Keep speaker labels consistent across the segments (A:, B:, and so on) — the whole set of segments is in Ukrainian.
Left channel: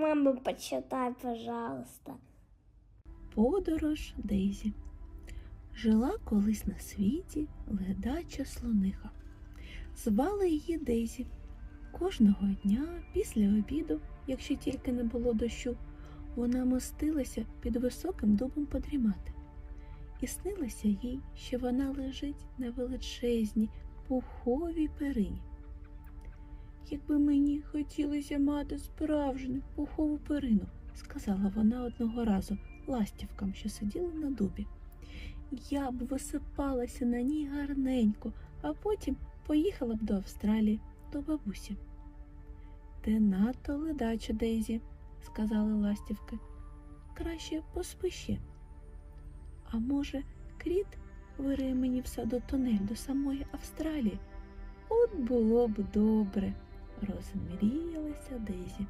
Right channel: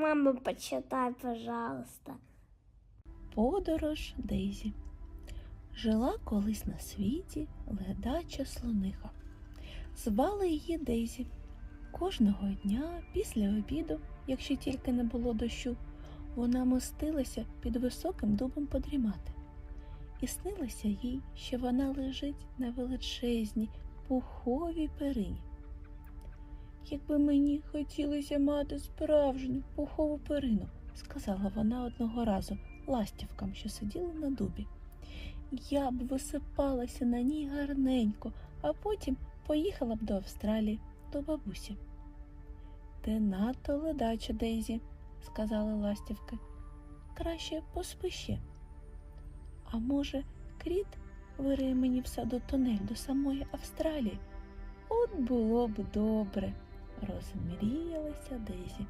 A: Мама, почитай, пожалуйста.
B: Подорож Дейзі. Жила колись на світі ледача слониха. Звали її Дейзі. Кожного дня після обіду, якщо тільки не було дощу, вона мостилася під високим дубом подрімати. І снилося їй, що вона лежить на величезній пуховій перині. Якби мені хотілося мати справжню пухову перину, сказала вона одного разу ластівкам, що сиділи на дубі. Я б висипалася на ній гарненько, а потім поїхала б до Австралії, до бабусі. Ти надто ледача, Дейзі, сказали ластівки. Краще поспи. А може, кріт вириє мені в саду тунель до самої Австралії? От було б добре, розмріялася Дейзі.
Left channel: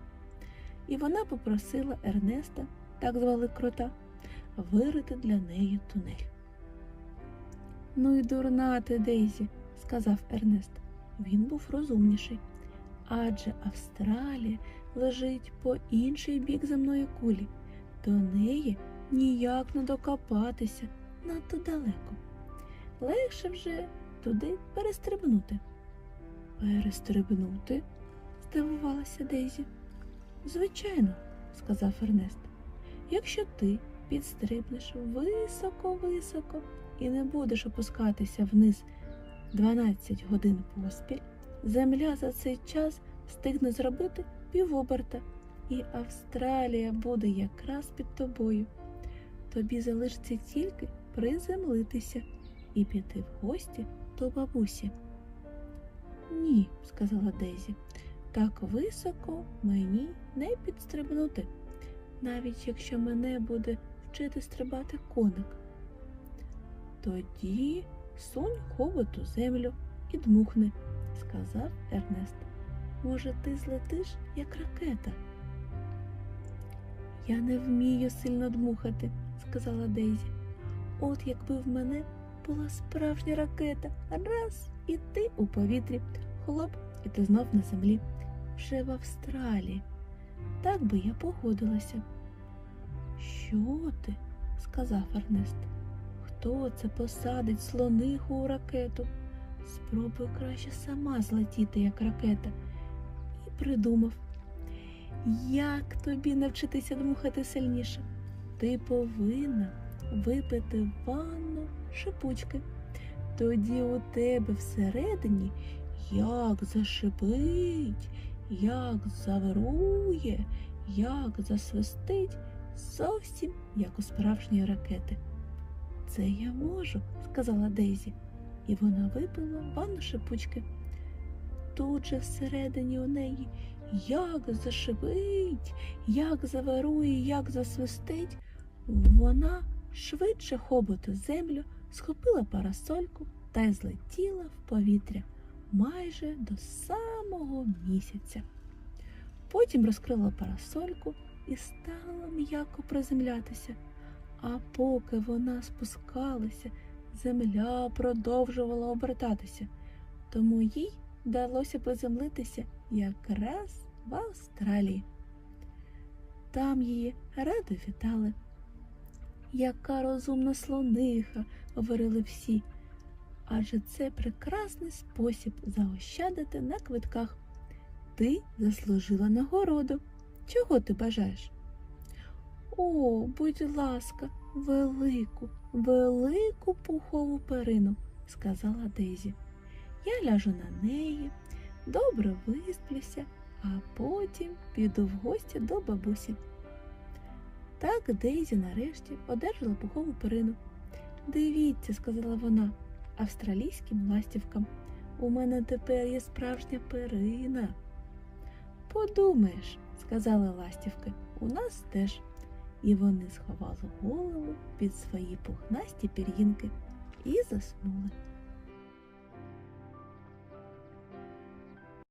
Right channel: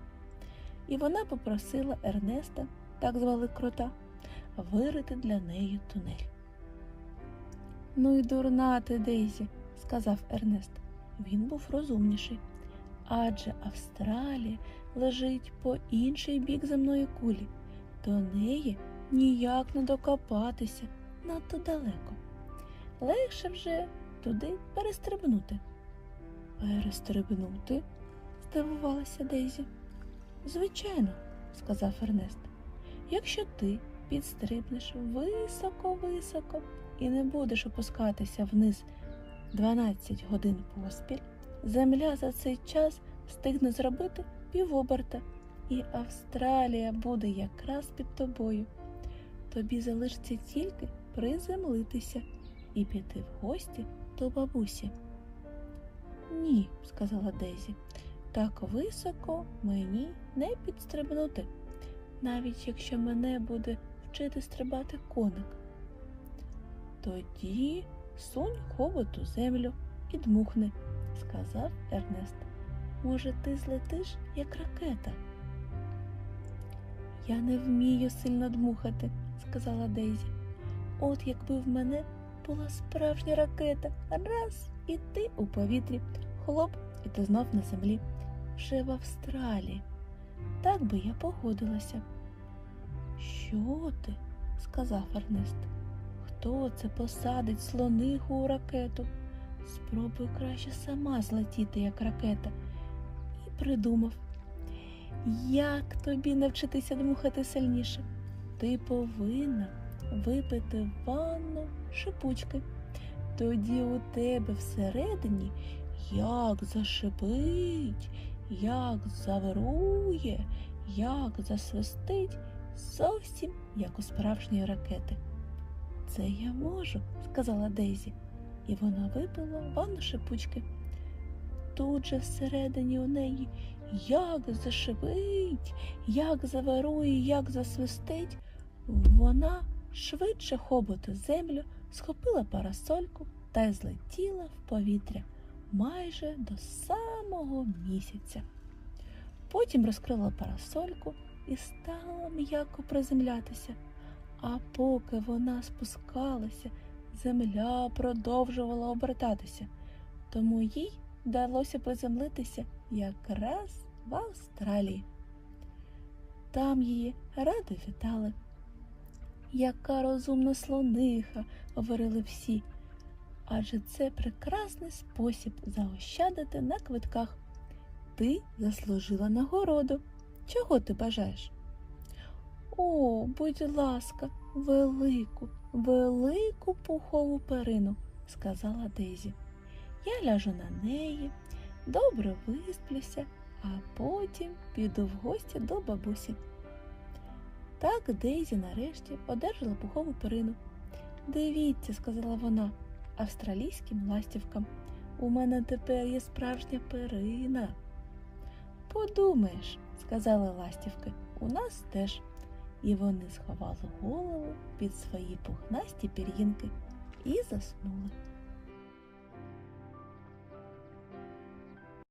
B: І вона попросила Ернеста, так звали крота, вирити для неї тунель. Ну і дурна ти, Дейзі, сказав Ернест. Він був розумніший. Адже Австралія лежить по інший бік земної кулі. До неї ніяк не докопатися надто далеко. Легше вже туди перестрибнути. Перестрибнути? Здивувалася Дейзі. Звичайно, сказав Ернест. Якщо ти підстрибнеш високо-високо і не будеш опускатися вниз 12 годин поспіль, земля за цей час встигне зробити півоберта, і Австралія буде якраз під тобою. Тобі залишиться тільки приземлитися і піти в гості до бабусі. Ні, сказала Дейзі, так високо мені не підстрибнути, навіть якщо мене буде вчити стрибати коник. Тоді сунь хобот у землю і дмухни, сказав Ернест. Може, ти злетиш, як ракета? Я не вмію сильно дмухати, сказала Дейзі. От якби в мене була справжня ракета, раз і ти у повітрі, хлоп, і ти знов на землі, вже в Австралії. Так би я погодилася. Що ти? сказав Ернест. Хто це посадить слониху у ракету? Спробуй краще сама злетіти, як ракета. І придумав, як тобі навчитися дмухати сильніше? Ти повинна випити ванну шипучки. Тоді у тебе всередині як зашипить, як завирує, як засвистить, зовсім як у справжньої ракети. Це я можу, сказала Дейзі, і вона випила ванну шипучки. Тут же всередині у неї як зашипить, як завирує, як засвистить, вона швидше хоботу землю схопила парасольку та й злетіла в повітря майже до самого місяця. Потім розкрила парасольку і стала м'яко приземлятися. А поки вона спускалася, земля продовжувала обертатися, тому їй вдалося приземлитися якраз в Австралії. Там її радо вітали. Яка розумна слониха, говорили всі, адже це прекрасний спосіб заощадити на квитках. Ти заслужила нагороду. Чого ти бажаєш? О, будь ласка, велику, велику пухову перину, сказала Дейзі. Я ляжу на неї, добре висплюся, а потім піду в гості до бабусі. Так Дейзі нарешті одержала пухову перину. Дивіться, сказала вона австралійським ластівкам. У мене тепер є справжня перина. Подумаєш, сказали ластівки, у нас теж. І вони сховали голову під свої пухнасті пір'їнки і заснули.